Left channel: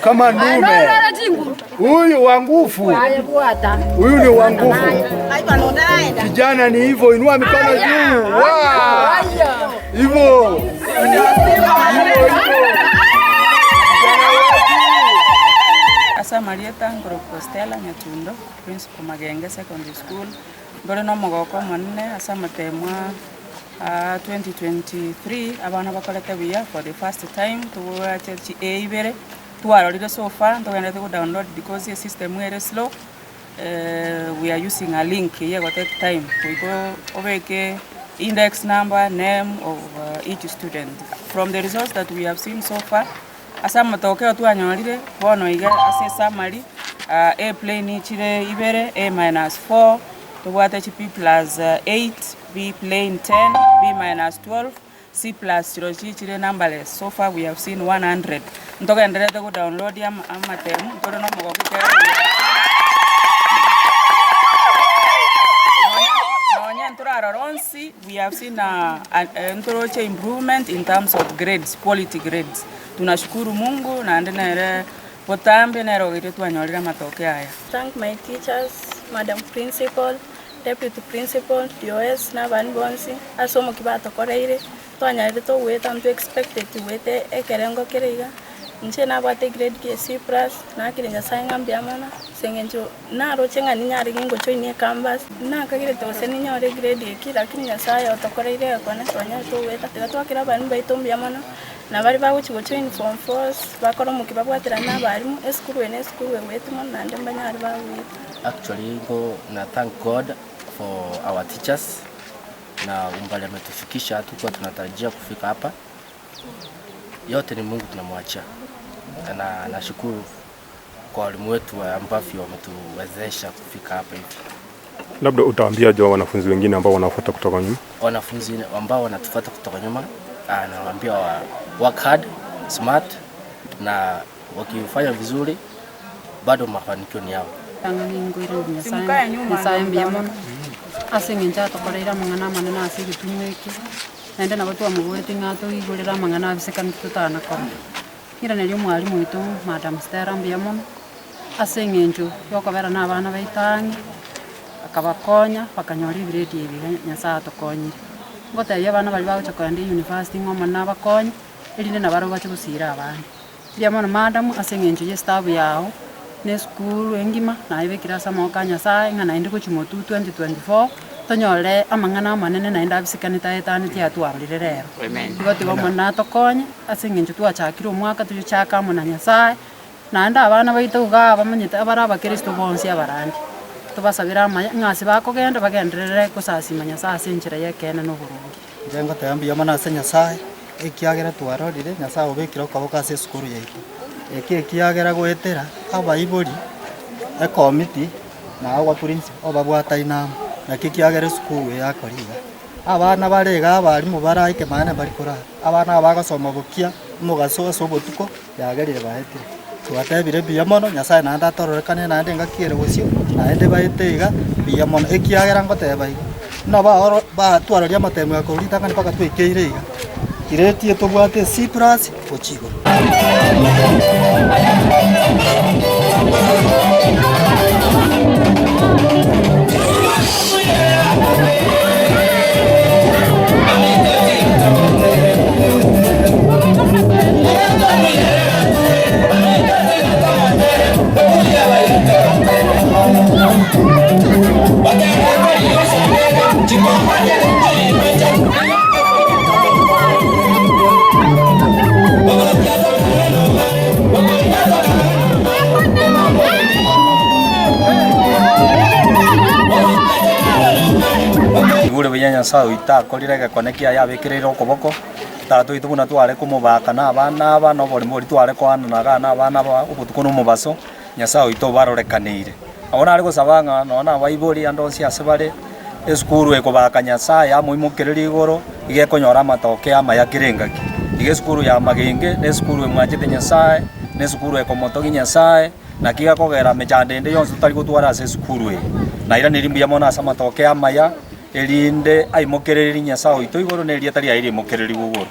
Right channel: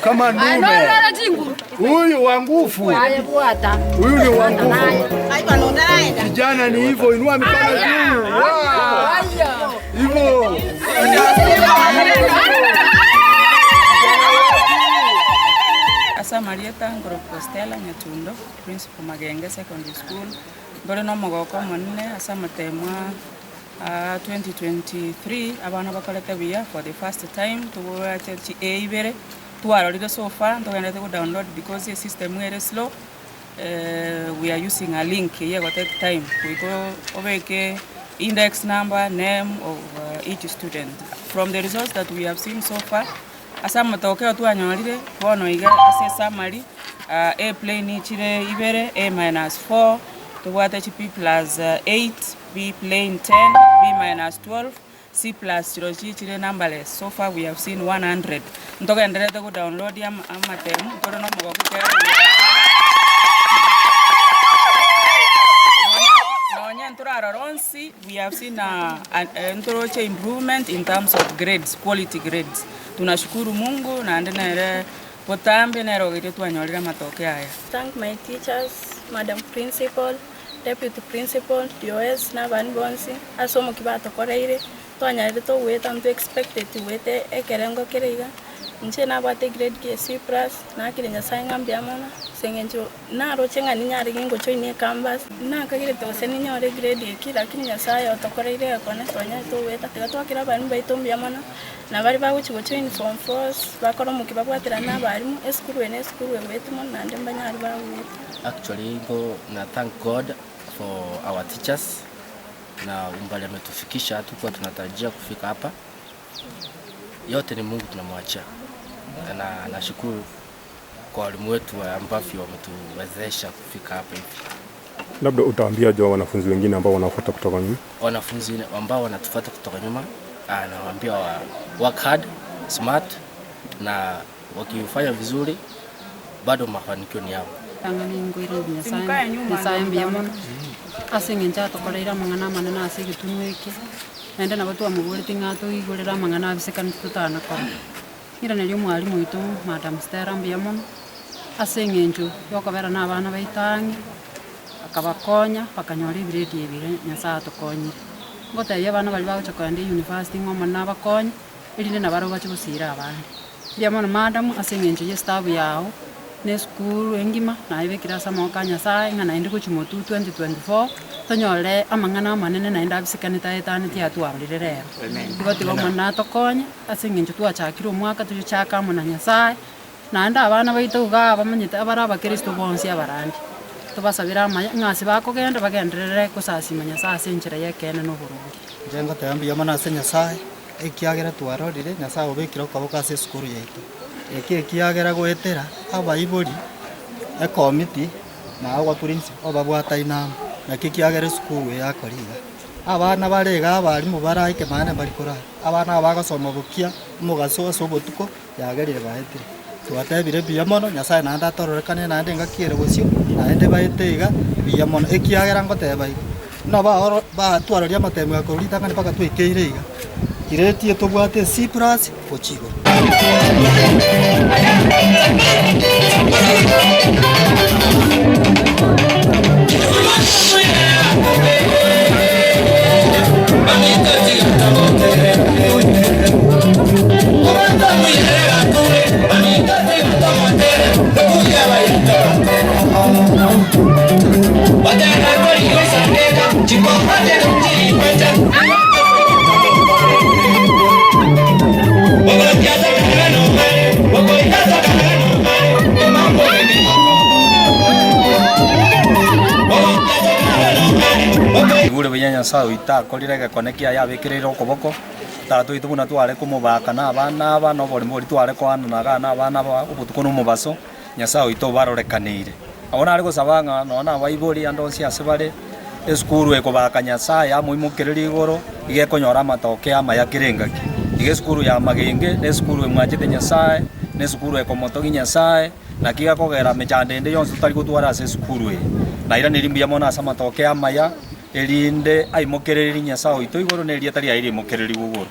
Kama ndume. Huyu wa nguvu. Huyu ni wa nguvu. Kijana ni hivyo, inua mikono juu. Hivyo. Asa Marieta Ngoro Stella Nyatundo, Principal Magenge Secondary School. Ndore no mogoko monne asa matemwa 2023 abana bakolete biya for the first time to watch ibere twarorire so far ndogenda to download because the system is slow. We are using a link here go take time we go obeke index number, name of each student. From the results that we have seen so far, asa matokeo twanyorire bono iga ase summary A plain chire ibere A-4 to what HP plus 8, B plain 10, B minus 12, C plus chire numberless. So far we have seen 100. Ntoka endelea to download ya amatemu ntoka no mogoko kera. We have seen a improvement in terms of grades, quality grades. Tunashukuru Mungu na ndene potambe na rogite twanyorira matokeo haya. Thank my teachers, Madam Principal, Deputy Principal, DOS na banbonsi asomo kibato koreire twanyarire to weta ntu expected wete ekerengo kereiga nche na bate grade KCSE plus na kirenya sainga mbiamana sengenjo na rochenga ninyari ngingo choine canvas na kagire to seninyore grade kira kinya saya otokoreire kone tonya to weta tiga twakira bani baito mbiamana na bari baguchigo choine form 4 bakoro mukibabwatira na barimu esukuru wetu na ndemba nyari bawita. Actually go na thank God for our teachers na umbali ametufikisha tukua tunatarajia kufika hapa. Yote ni Mungu tunamwachia. Na nashukuru kwa walimu wetu ambao wametuwezesha kufika hapa hivi. Labda utaambia je wanafunzi wengine ambao wanafuata kutoka nyuma? Wanafunzi ambao wanatufuata kutoka nyuma, nawaambia work hard, smart na wakifanya vizuri bado mafanikio ni yao. Ngingwire nyasaye mbiamona asengenja tokoreira mangana manena asigitunweke nende nabatu amugurite ngato igurira mangana abisekani tutana kora ira nelio mwalimu witu Madam Stella mbiamona asengenjo yokobera na abana baitangi akabakonya bakanyori grade ebire nyasaye tokonyire ngotebya abana bali bagochoka ndi university ngoma na bakonya erinde nabaro bache gusira abana mbiamona Madam asengenjo ye staff yao ne school engima na ibekira samoka nyasaye ngana indi kuchimotu 2024 tonyole amangana manene na inda bisikani taetani tia twarire rero igoti gomana tokonye asengenjo twachakira omwaka tuchaka mona nyasaye na nda abana baito ga bamanyite abara bakristo bonsi abarandi tubasabira ngasi bakogenda bagenderere kusasima nyasaye senjira yekene no burungi njengo tayambia mana nyasaye ekiagera twarorire nyasaye obekira kaboka ase skuru yaito ekiagera gwetera abaibori committee na awa principal obabwata inama na kikiagera skuru yakoriga abana barega abarimu baraike mane bari korara abana bagosoma bukia mugaso sobotuko yagerire bahetire twatebire biamono nyasaye na ndatororikane na ndenga kiere gusio na ende baitega biamono ekiagera ngoteba igo no ba twararia matemu ya korita kana paka twikeire iga kiretie tobwate C+ ochigo. Nyasaye itakorire konekia yabikirire okoboko tatu itubuna tware kumubaka na abana no bori bori tware kwana na abana obutuko no mubaso Nyasaye ito barorekanire abona ari gusabanga nona baibori andonsi asebare eskuru ekobaka Nyasaye amuimukiriri igoro igekonyora matoke amayakiringaki ige skuru ya Magenge ne skuru emwajite Nyasaye ne skuru ekomotogi Nyasaye na kiga kogera mechande yonse tutari gutwara ase skuru na ira nirimbi amona asa matoke amaya elinde aimokereri Nyasaye ito igoro ne rietari aire mokereri gugoro